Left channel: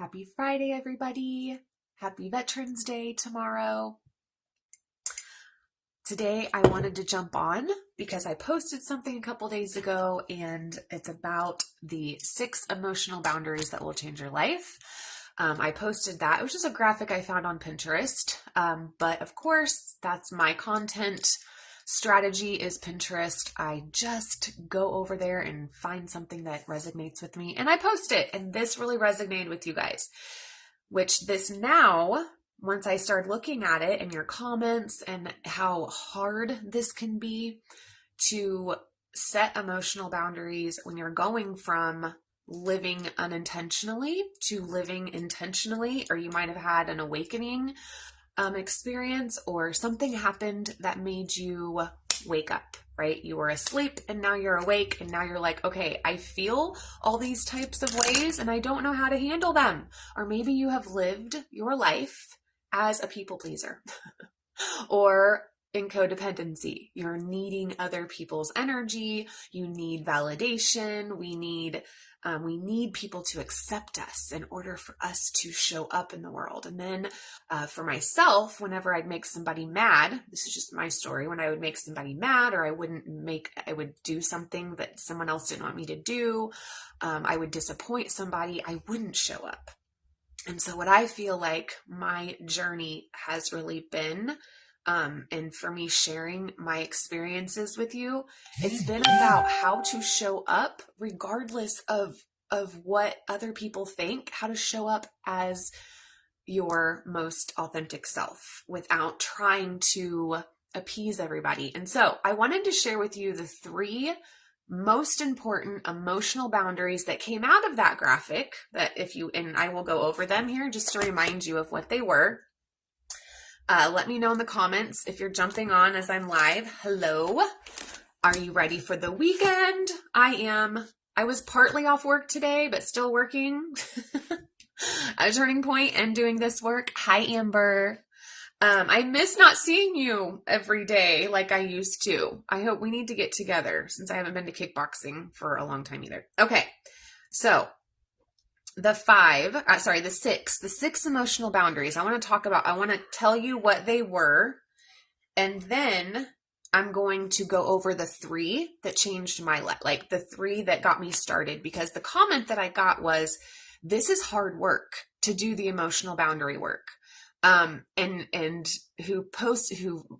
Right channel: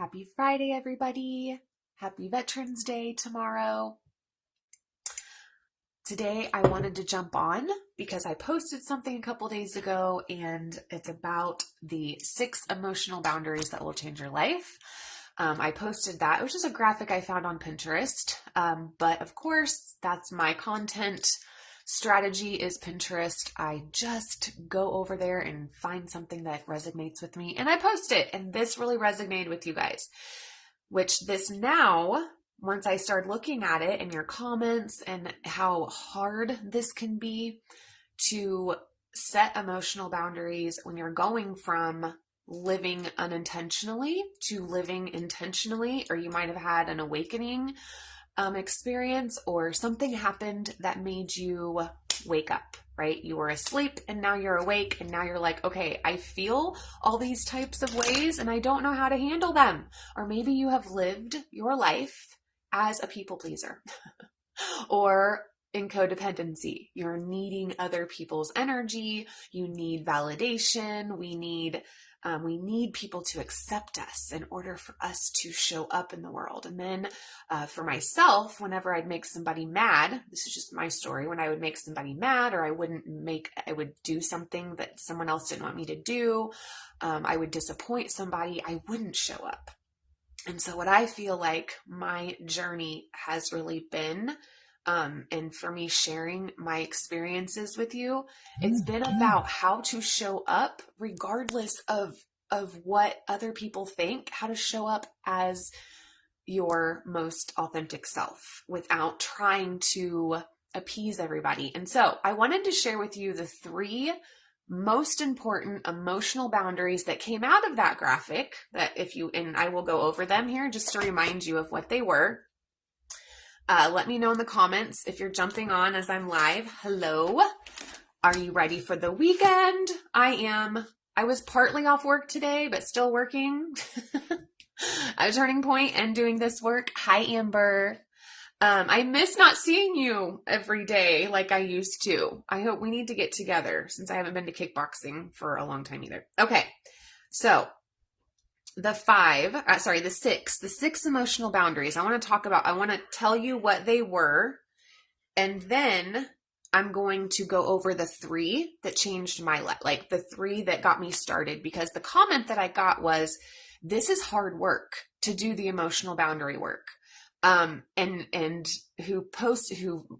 Happy Friday, everybody. Happy Veterans Day tomorrow. Today, I wanted to jump on because I posted something a couple days ago, and it's about the 6 emotional boundaries that will change your life. I posted that. It was just a graphic I found on Pinterest. But of course, that's my content. Strategy is Pinterest. I just go over there and find something that resonates with me and I post it. And this really resonated with you guys, which this now, once I started looking at it and your comments and how hard this can be to set emotional boundaries when you're going from living unintentionally to living intentionally, or you might have had an awakening experience or something happened that made you wake up, right? You were asleep and now you're awake and now you're like, okay, I feel all these types of ways and I don't know how to handle them. Or maybe you have lived your life as a people pleaser or in codependency. You're needing other people's energy. You need validation. We need people to accept us in order for us to show up in the world. And then for myself, whenever I'd make somebody mad, this is just my story, when I would make somebody mad or I would do something that someone else didn't want me to do, I would disappoint somebody, I wouldn't show up. And so what I feel like my journey has really been, and for me sharing my experiences with you, it's been about how to show up regardless of what other people think, how to show up as your most authentic self without trying to appease everybody. And so I wanted to share with you the 3 most important emotional boundaries that came out of that graphic and I will go over them here just to remind you of what they were. Let me know in the comments if you're jumping on as I'm live. Hello. Are you ready for the weekend? I am. I was partly off work today, but still working at a Turning Point and doing this work. Hi, Amber. I miss not seeing you every day like I used to. I hope we need to get together since I haven't been to kickboxing for a long time either. Okay. So the 6 emotional boundaries I want to tell you what they were, and then I'm going to go over the 3 that changed my life, like the 3 that got me started, because the comment that I got was, this is hard work to do the emotional boundary work. And who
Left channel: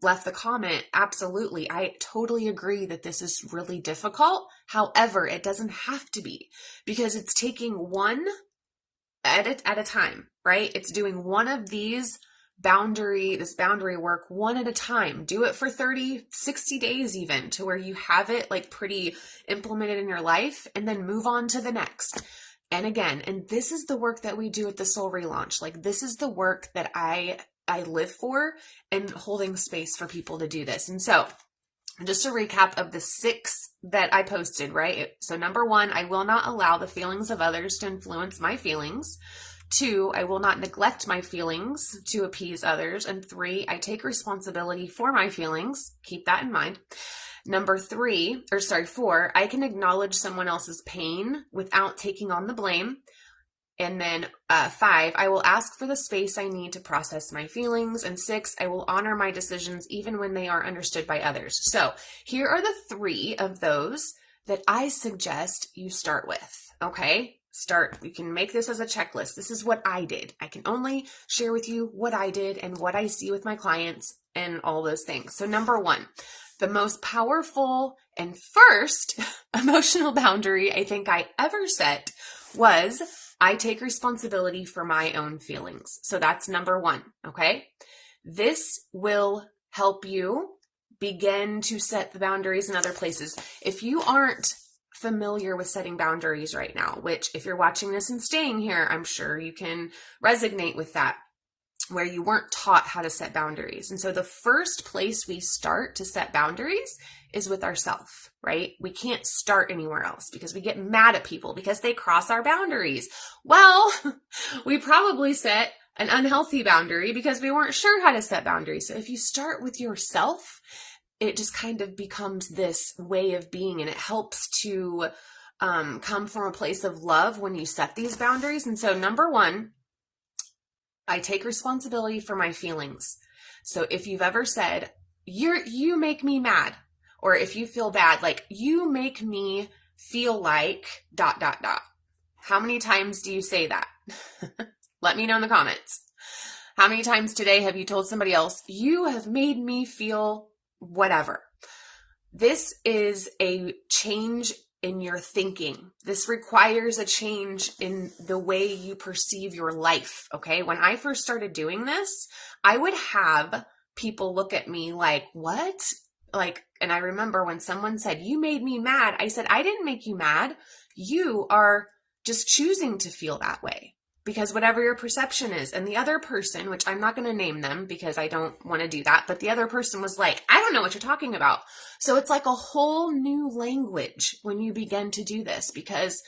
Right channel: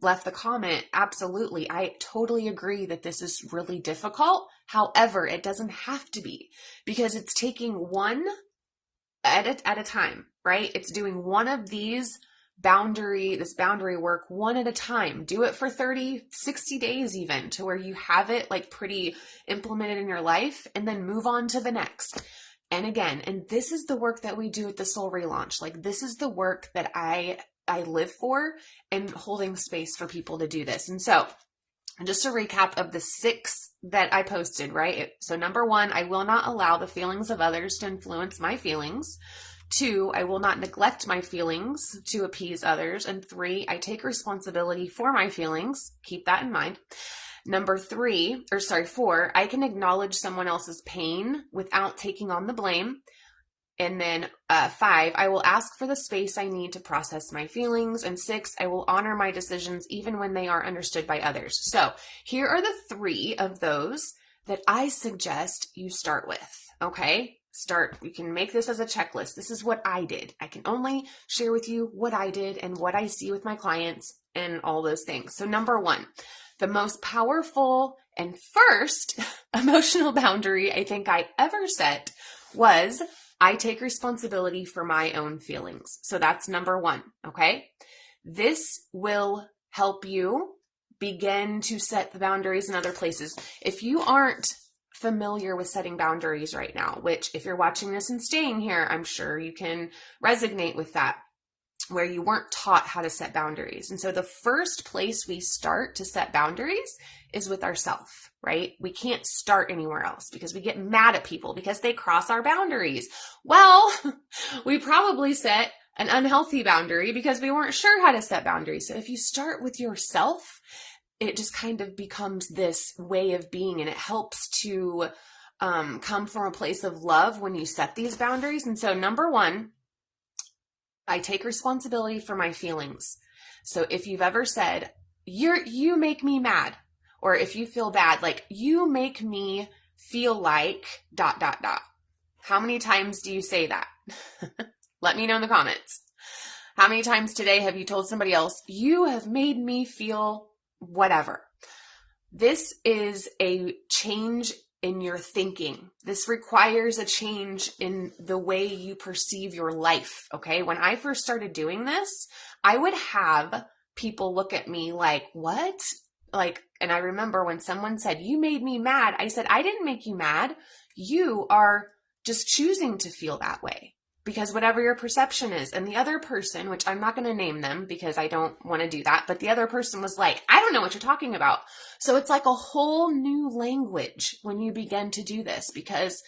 left the comment, absolutely. I totally agree that this is really difficult. However, it doesn't have to be, because it's taking one at a time, right? It's doing one of this boundary work one at a time. Do it for 30, 60 days even, to where you have it like pretty implemented in your life, and then move on to the next. And again, and this is the work that we do at the Soul Relaunch. Like, this is the work that I live for, and holding space for people to do this. And so just a recap of the 6 that I posted, right? So number 1, I will not allow the feelings of others to influence my feelings. 2, I will not neglect my feelings to appease others. And 3, I take responsibility for my feelings. Keep that in mind. Number 4, I can acknowledge someone else's pain without taking on the blame. And then 5, I will ask for the space I need to process my feelings. And 6, I will honor my decisions even when they are understood by others. So here are the 3 of those that I suggest you start with. Okay? You can make this as a checklist. This is what I did. I can only share with you what I did and what I see with my clients and all those things. So number 1, the most powerful and first emotional boundary I think I ever set was, I take responsibility for my own feelings. So that's number 1, okay? This will help you begin to set the boundaries in other places. If you aren't familiar with setting boundaries right now, which if you're watching this and staying here, I'm sure you can resonate with that, where you weren't taught how to set boundaries. And so the first place we start to set boundaries is with ourselves, right? We can't start anywhere else, because we get mad at people because they cross our boundaries. Well, we probably set an unhealthy boundary because we weren't sure how to set boundaries. So if you start with yourself, it just kind of becomes this way of being, and it helps to come from a place of love when you set these boundaries. And so number one, I take responsibility for my feelings. So if you've ever said, you make me mad, or if you feel bad, like you make me feel like ... How many times do you say that? Let me know in the comments. How many times today have you told somebody else, you have made me feel whatever? This is a change in your thinking. This requires a change in the way you perceive your life, okay? When I first started doing this, I would have people look at me like, what? Like, and I remember when someone said, you made me mad, I said, I didn't make you mad. You are just choosing to feel that way because whatever your perception is. And the other person, which I'm not going to name them because I don't want to do that, but the other person was like, I don't know what you're talking about. So it's like a whole new language when you begin to do this because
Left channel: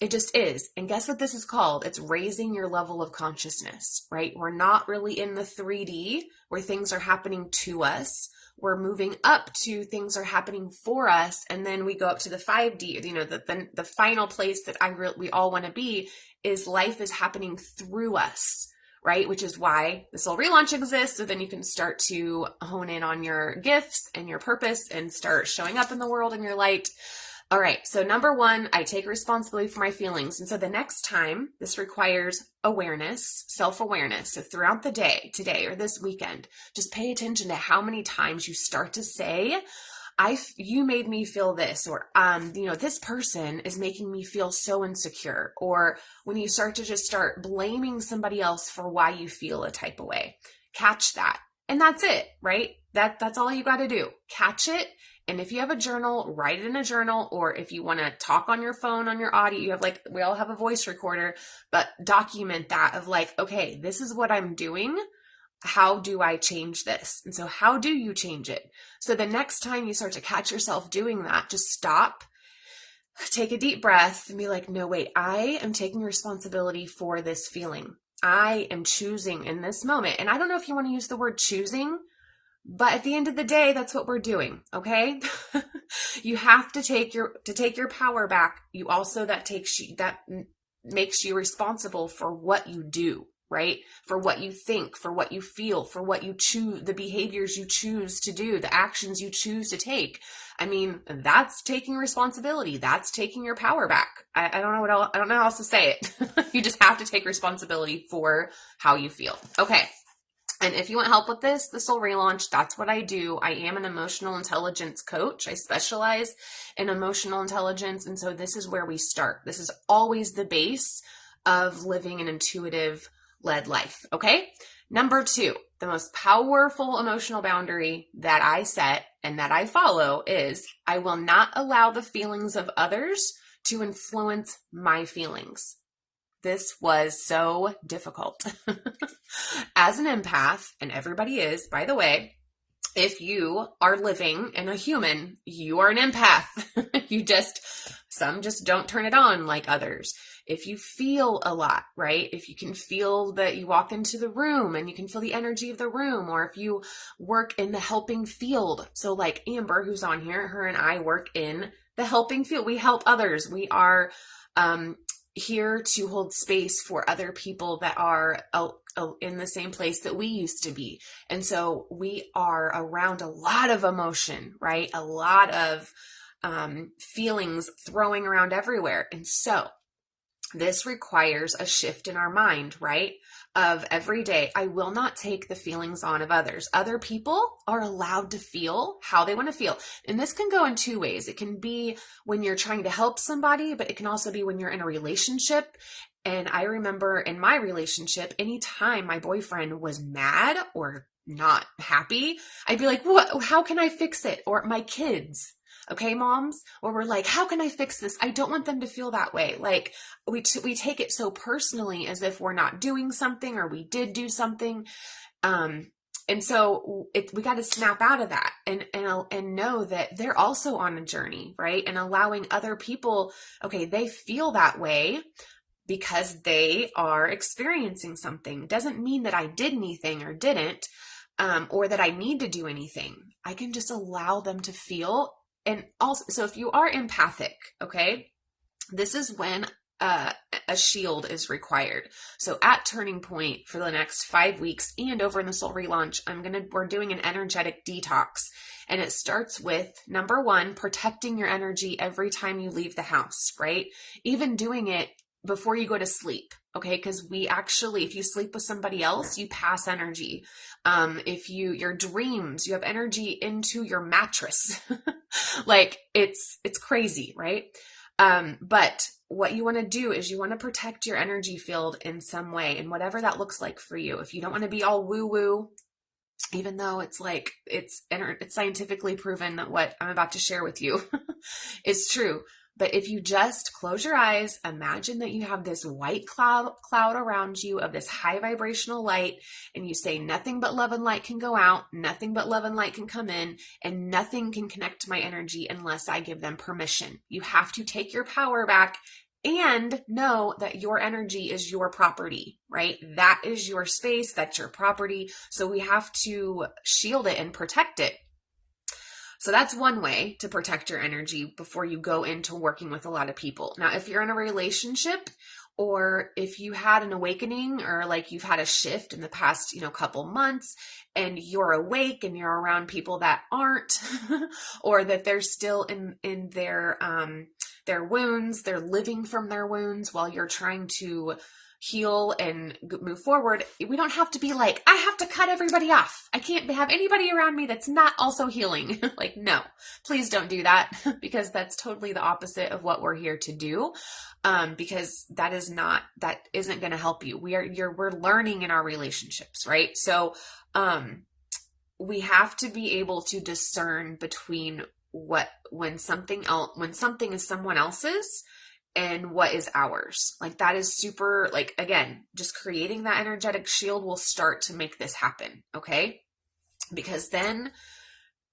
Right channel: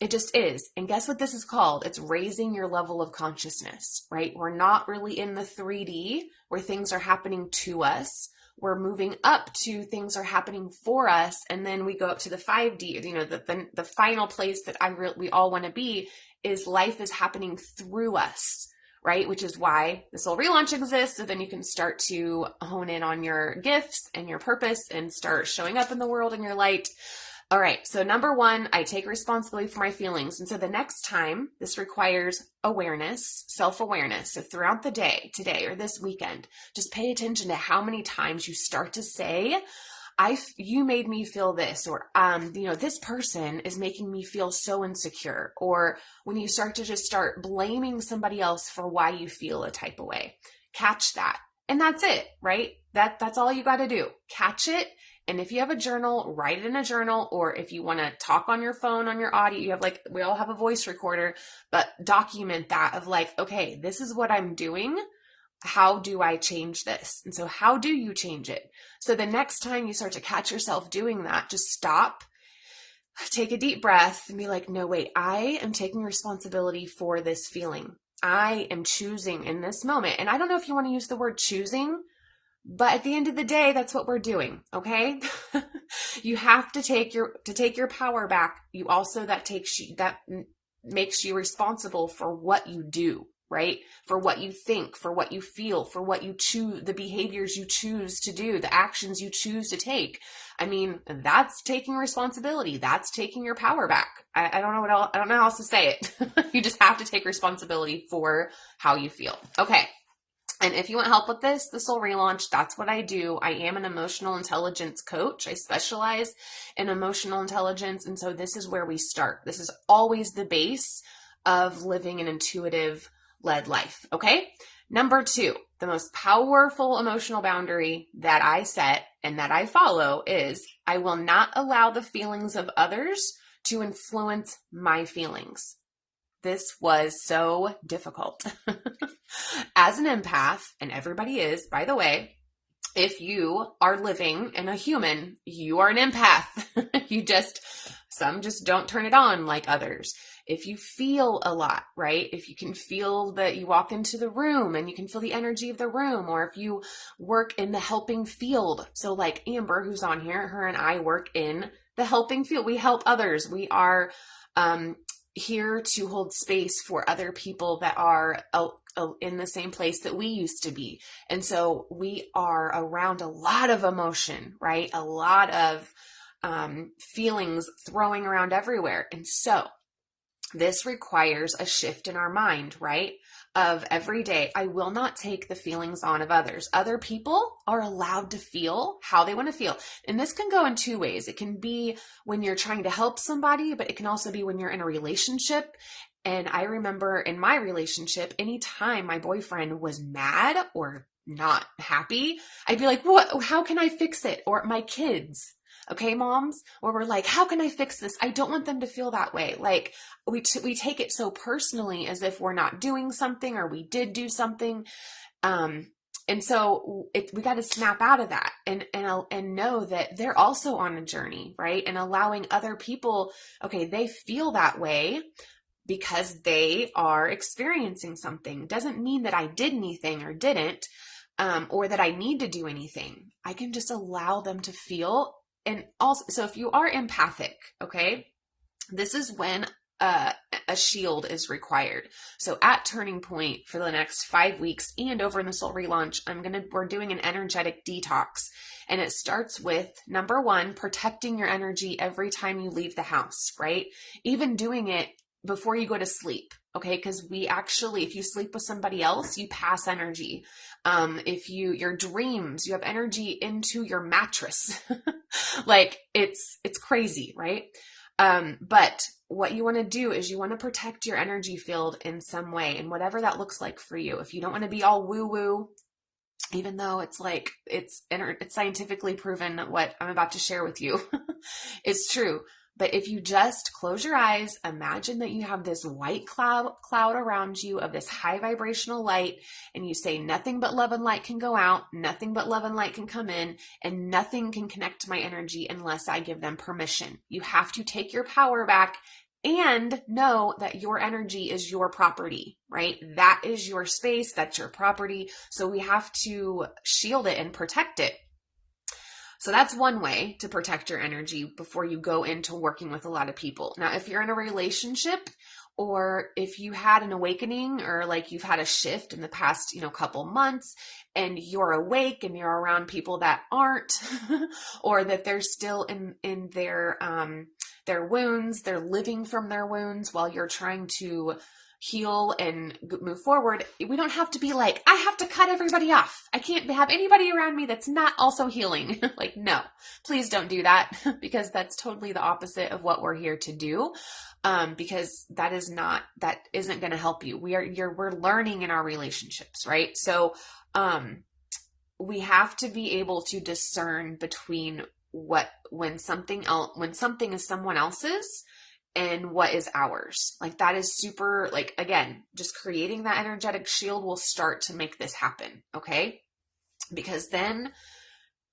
it just is. And guess what this is called? It's raising your level of consciousness, right? We're not really in the 3D where things are happening to us. We're moving up to things are happening for us. And then we go up to the 5D, you know, the final place that we all want to be is life is happening through us, right? Which is why the Soul Relaunch exists. So then you can start to hone in on your gifts and your purpose and start showing up in the world in your light. All right. So number one, I take responsibility for my feelings. And so the next time, this requires awareness, self-awareness. So throughout the day, today or this weekend, just pay attention to how many times you start to say, you made me feel this, or, this person is making me feel so insecure. Or when you start to just start blaming somebody else for why you feel a type of way, catch that. And that's it, right? That's all you got to do. Catch it. And if you have a journal, write it in a journal, or if you want to talk on your phone, on your audio, you have we all have a voice recorder, but document that of okay, this is what I'm doing. How do I change this? And so how do you change it? So the next time you start to catch yourself doing that, just stop, take a deep breath and be like, no, wait, I am taking responsibility for this feeling. I am choosing in this moment. And I don't know if you want to use the word choosing, but at the end of the day, that's what we're doing. Okay. You have to take your power back. You also, that makes you responsible for what you do, right? For what you think, for what you feel, for what you choose, the behaviors you choose to do, the actions you choose to take. I mean, that's taking responsibility. That's taking your power back. I don't know what else, I don't know how else to say it. You just have to take responsibility for how you feel. Okay. And if you want help with this, the Soul Relaunch, that's what I do. I am an emotional intelligence coach. I specialize in emotional intelligence. And so this is where we start. This is always the base of living an intuitive led life. Okay. Number two, the most powerful emotional boundary that I set and that I follow is I will not allow the feelings of others to influence my feelings. This was so difficult. As an empath, and everybody is, by the way, if you are living in a human, you are an empath. Some just don't turn it on like others. If you feel a lot, right? If you can feel that you walk into the room and you can feel the energy of the room, or if you work in the helping field. So like Amber, who's on here, her and I work in the helping field. We help others. We are, here to hold space for other people that are in the same place that we used to be. And so we are around a lot of emotion, right? A lot of feelings throwing around everywhere. And so this requires a shift in our mind, right? Of every day, I will not take the feelings on of others. Other people are allowed to feel how they want to feel. And this can go in two ways. It can be when you're trying to help somebody, but it can also be when you're in a relationship. And I remember in my relationship, anytime my boyfriend was mad or not happy, I'd be like, what? How can I fix it? Or my kids. Okay, moms, where we're like, how can I fix this? I don't want them to feel that way. Like we take it so personally as if we're not doing something or we did do something. And so we got to snap out of that and know that they're also on a journey, right? And allowing other people, okay, they feel that way because they are experiencing something. Doesn't mean that I did anything or didn't, or that I need to do anything. I can just allow them to feel. And also, so if you are empathic, okay, this is when a shield is required. So at Turning Point for the next 5 weeks and over in the Soul Relaunch, we're doing an energetic detox. And it starts with, number one, protecting your energy every time you leave the house, right? Even doing it before you go to sleep. Okay. Because if you sleep with somebody else, you pass energy. If your dreams, you have energy into your mattress. Like it's crazy, right? But what you want to do is you want to protect your energy field in some way, and whatever that looks like for you. If you don't want to be all woo woo, even though it's scientifically proven that what I'm about to share with you is true. But if you just close your eyes, imagine that you have this white cloud around you of this high vibrational light, and you say, nothing but love and light can go out, nothing but love and light can come in, and nothing can connect to my energy unless I give them permission. You have to take your power back and know that your energy is your property, right? That is your space, that's your property. So we have to shield it and protect it. So that's one way to protect your energy before you go into working with a lot of people. Now, if you're in a relationship, or if you had an awakening, or like you've had a shift in the past, couple months, and you're awake and you're around people that aren't, or that they're still in their wounds, they're living from their wounds while you're trying to heal and move forward, we don't have to be like, I have to cut everybody off. I can't have anybody around me that's not also healing. Like, no, please don't do that, because that's totally the opposite of what we're here to do. Because that isn't going to help you. We're learning in our relationships, right? So, we have to be able to discern between when something is someone else's and what is ours. Like, that is super, like, again, just creating that energetic shield will start to make this happen. Okay. Because then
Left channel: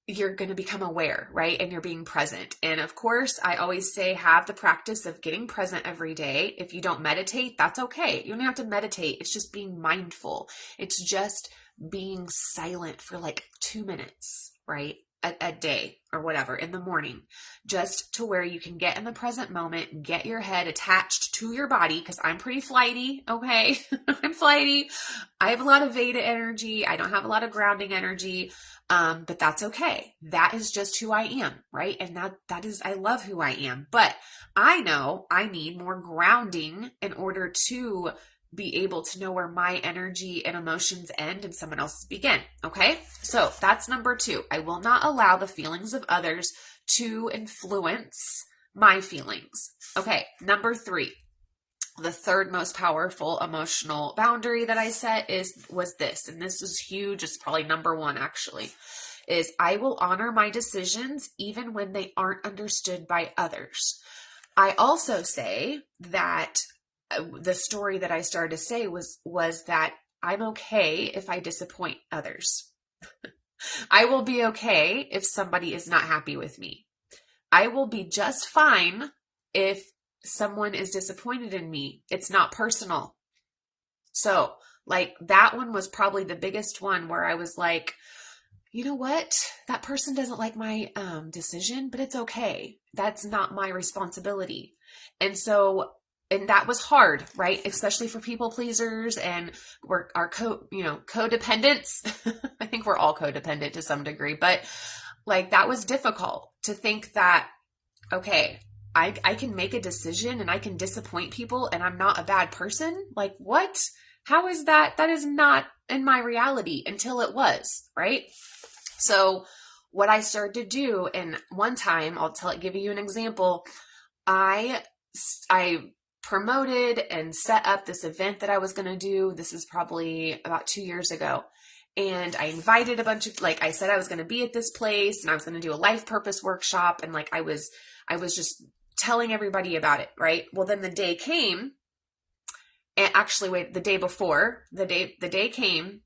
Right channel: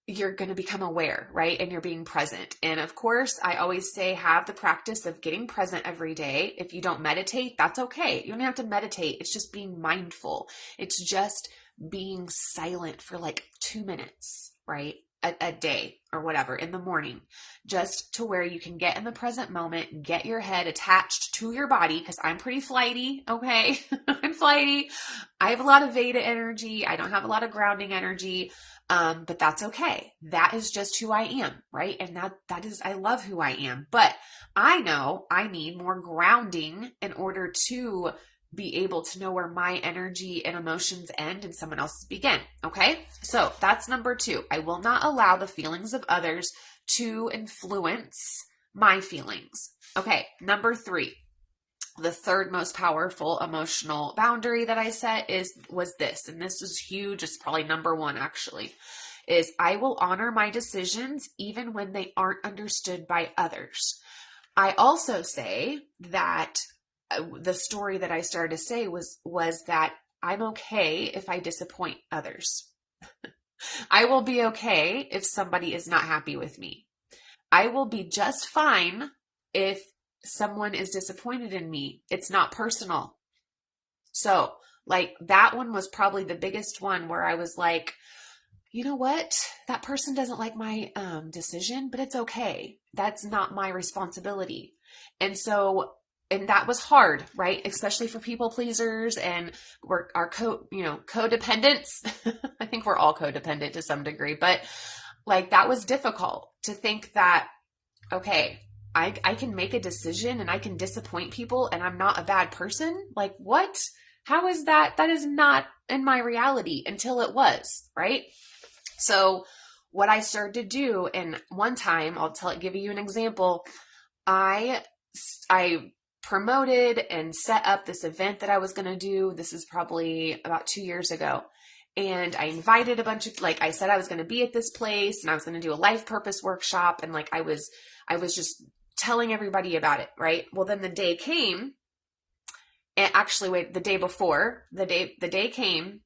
you're going to become aware, right? And you're being present. And of course, I always say, have the practice of getting present every day. If you don't meditate, that's okay. You don't have to meditate. It's just being mindful. It's just being silent for like 2 minutes, right? A day or whatever in the morning, just to where you can get in the present moment, get your head attached to your body, because I'm pretty flighty. Okay. I'm flighty. I have a lot of Veda energy. I don't have a lot of grounding energy. But that's okay. That is just who I am, right? And that is, I love who I am, but I know I need more grounding in order to be able to know where my energy and emotions end and someone else's begin. Okay. So that's number 2. I will not allow the feelings of others to influence my feelings. Okay. Number 3, the third most powerful emotional boundary that I set was this, and this is huge. It's probably number 1 actually, is I will honor my decisions even when they aren't understood by others. I also say that the story that I started to say was that I'm okay if I disappoint others. I will be okay if somebody is not happy with me. I will be just fine if someone is disappointed in me. It's not personal. So, like, that one was probably the biggest one where I was like, you know what? That person doesn't like my decision, but it's okay. That's not my responsibility. And that was hard, right? Especially for people pleasers and our codependents. I think we're all codependent to some degree, but like, that was difficult to think that, okay, I can make a decision and I can disappoint people and I'm not a bad person. Like, what? How is that? That is not in my reality until it was, right? So what I started to do, and one time give you an example. I promoted and set up this event that I was going to do. This is probably about 2 years ago. And I invited a bunch of, I said I was going to be at this place and I was going to do a life purpose workshop. And I was just telling everybody about it. Right. Well, then the day came, and actually the day before the day came,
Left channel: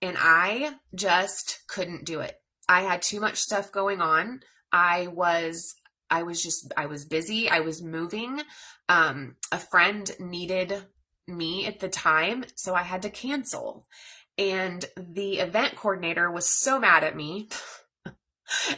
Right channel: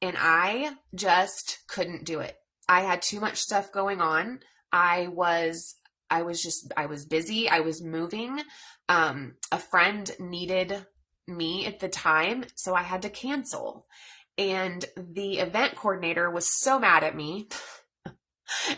and I just couldn't do it. I had too much stuff going on. I was busy. I was moving. A friend needed me at the time, so I had to cancel. And the event coordinator was so mad at me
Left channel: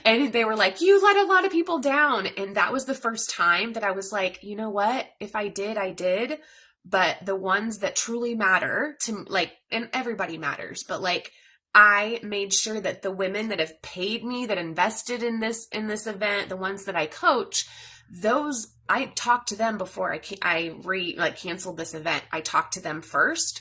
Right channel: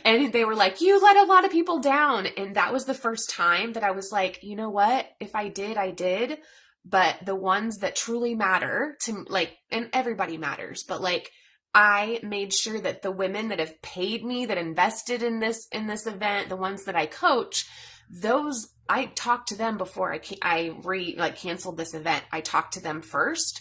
And they were like, you let a lot of people down. And that was the first time that I was like, you know what? If I did, I did. But the ones that truly matter to like, and everybody matters, but like, I made sure that the women that have paid me, that invested in this event, the ones that I coach, those, I talked to them before I canceled this event. I talked to them first.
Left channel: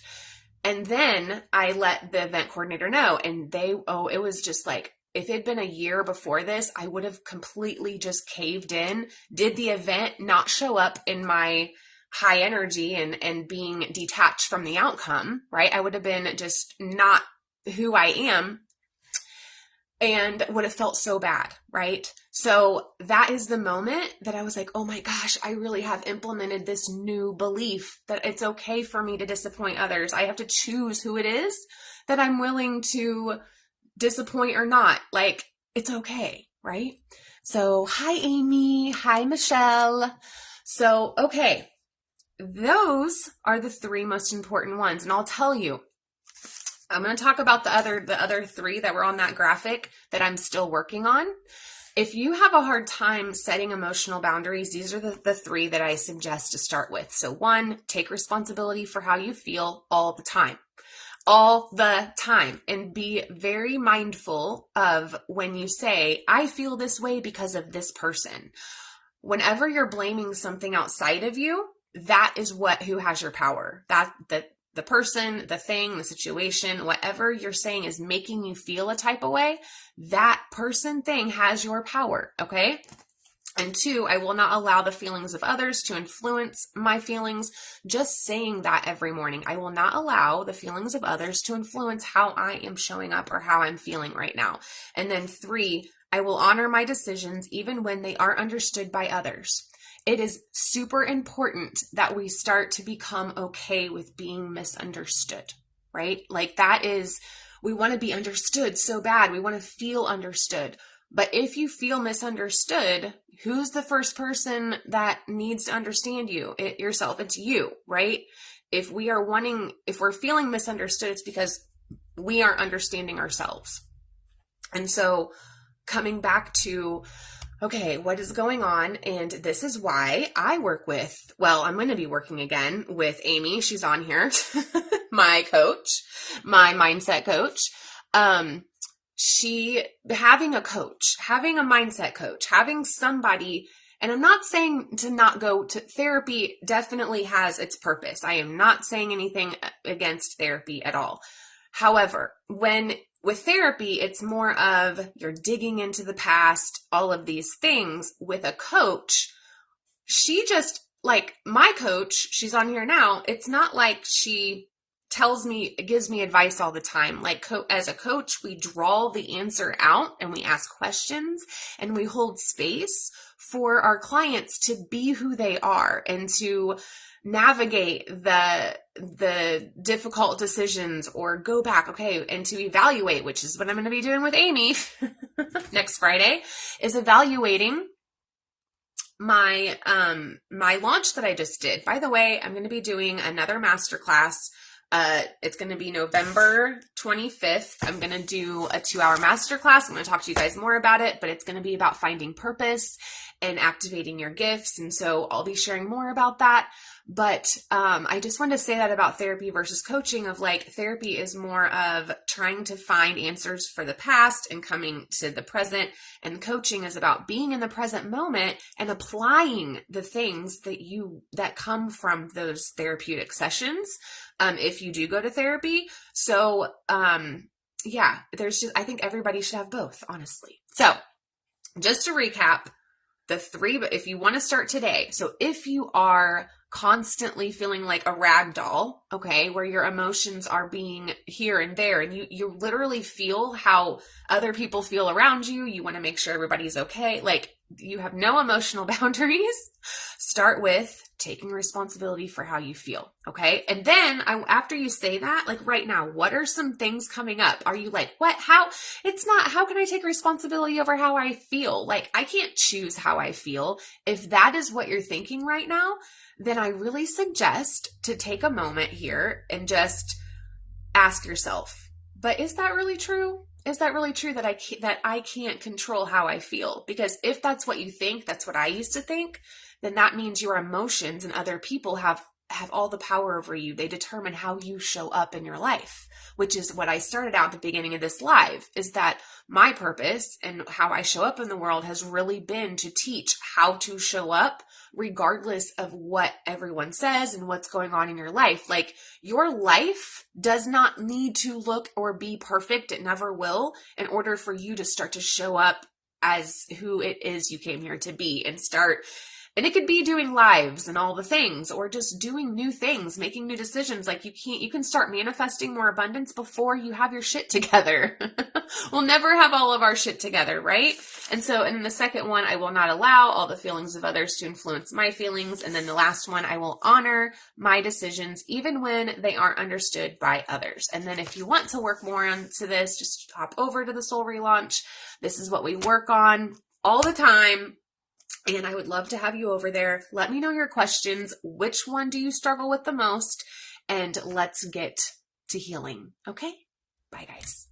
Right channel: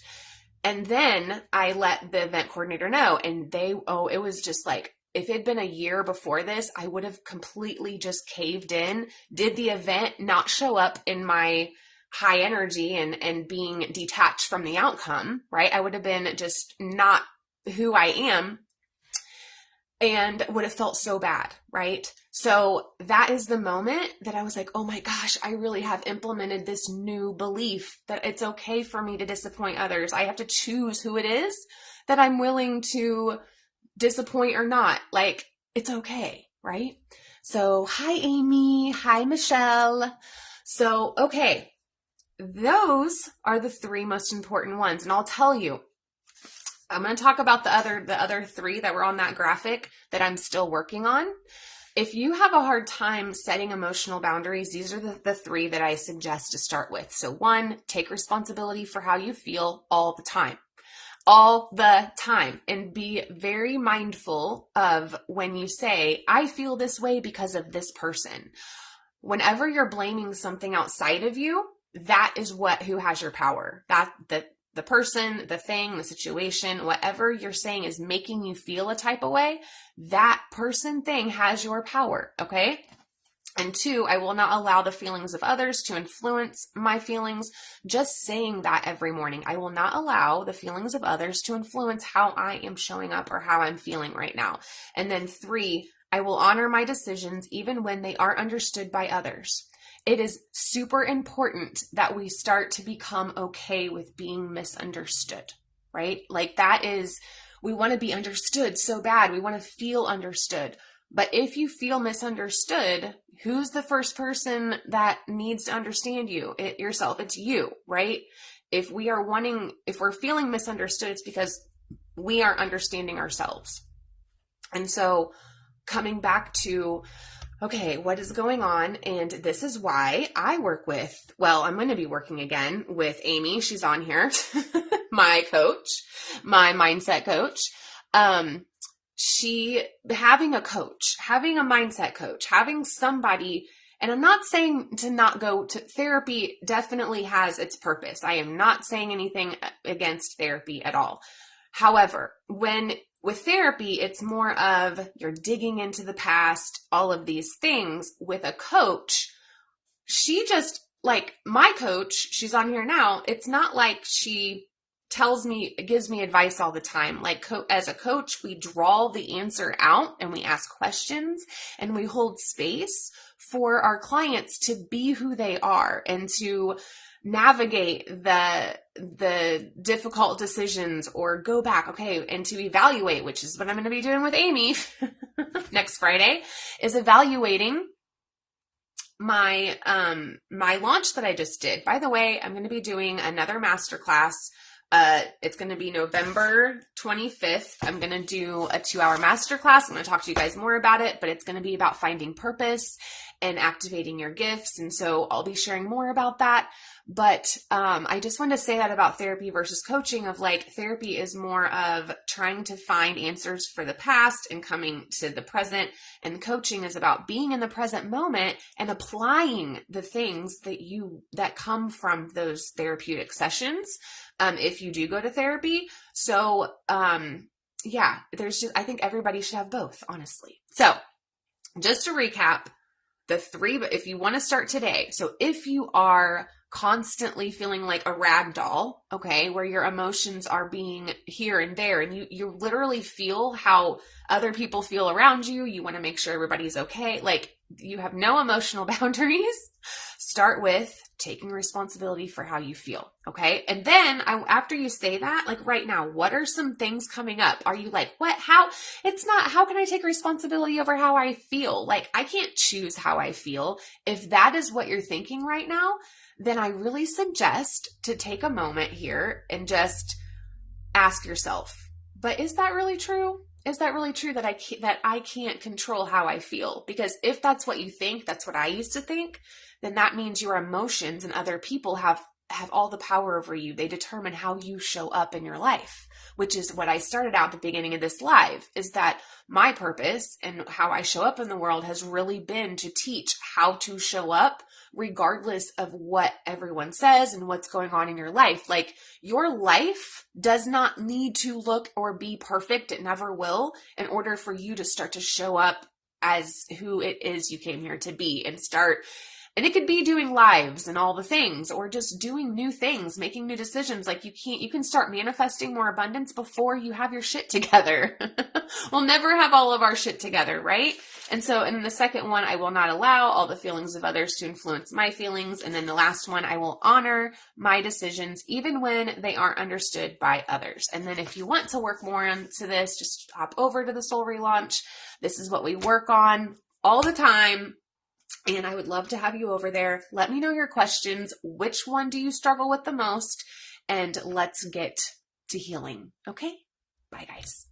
And then I let the event coordinator know, and it was just like, if it had been a year before this, I would have completely just caved in, did the event, not show up in my high energy and being detached from the outcome, right? I would have been just not who I am and would have felt so bad, right? So that is the moment that I was like, oh my gosh, I really have implemented this new belief that it's okay for me to disappoint others. I have to choose who it is that I'm willing to disappoint or not. Like, it's okay, right? So hi, Amy. Hi, Michelle. So, okay. Those are the three most important ones. And I'll tell you, I'm going to talk about the other three that were on that graphic that I'm still working on. If you have a hard time setting emotional boundaries, these are the three that I suggest to start with. So 1, take responsibility for how you feel all the time. All the time, and be very mindful of when you say, I feel this way because of this person. Whenever you're blaming something outside of you, that is who has your power. The person, the thing, the situation, whatever you're saying is making you feel a type of way, that person, thing has your power, okay? And 2, I will not allow the feelings of others to influence my feelings. Just saying that every morning, I will not allow the feelings of others to influence how I am showing up or how I'm feeling right now. And then 3, I will honor my decisions even when they aren't understood by others. It is super important that we start to become okay with being misunderstood, right? Like we want to be understood so bad. We want to feel understood. But if you feel misunderstood, who's the first person that needs to understand you? Yourself. It's you, right? If we're feeling misunderstood, it's because we aren't understanding ourselves. And so coming back to, okay, what is going on? And this is why I I'm going to be working again with Amy. She's on here, my coach, my mindset coach. Having a mindset coach, having somebody, and I'm not saying to not go to therapy, definitely has its purpose. I am not saying anything against therapy at all. However, with therapy, it's more of you're digging into the past, all of these things. With a coach, she just, like my coach, she's on here now. It's not like she gives me advice all the time. Like as a coach, we draw the answer out and we ask questions and we hold space for our clients to be who they are and to navigate the difficult decisions or go back, okay, and to evaluate, which is what I'm going to be doing with Amy next Friday, is evaluating my launch that I just did. By the way, I'm going to be doing another masterclass. It's going to be November 25th. I'm going to do a 2-hour masterclass. I'm going to talk to you guys more about it, but it's going to be about finding purpose and activating your gifts. And so I'll be sharing more about that. But I just want to say that about therapy versus coaching, of like, therapy is more of trying to find answers for the past and coming to the present. And coaching is about being in the present moment and applying the things that come from those therapeutic sessions. If you do go to therapy. So, I think everybody should have both, honestly. So just to recap, the 3, if you want to start today. So if you are constantly feeling like a rag doll, okay, where your emotions are being here and there, and you literally feel how other people feel around you, you want to make sure everybody's okay, like you have no emotional boundaries, start with taking responsibility for how you feel, okay? And then after you say that, like right now, what are some things coming up? Are you like, what, how? It's not, how can I take responsibility over how I feel? Like, I can't choose how I feel. If that is what you're thinking right now, then I really suggest to take a moment here and just ask yourself, but is that really true? is that really true that I can't control how I feel? Because if that's what you think, that's what I used to think, then that means your emotions and other people have all the power over you. They determine how you show up in your life, which is what I started out at the beginning of this live, is that my purpose and how I show up in the world has really been to teach how to show up regardless of what everyone says and what's going on in your life. Like, your life does not need to look or be perfect. It never will, in order for you to start to show up as who it is you came here to be, and it could be doing lives and all the things, or just doing new things, making new decisions. Like, you can start manifesting more abundance before you have your shit together. We'll never have all of our shit together, right? And then the second one, I will not allow all the feelings of others to influence my feelings. And then the last one, I will honor my decisions, even when they aren't understood by others. And then if you want to work more into this, just hop over to the Soul Relaunch. This is what we work on all the time. And I would love to have you over there. Let me know your questions. Which one do you struggle with the most? And let's get to healing. Okay? Bye, guys.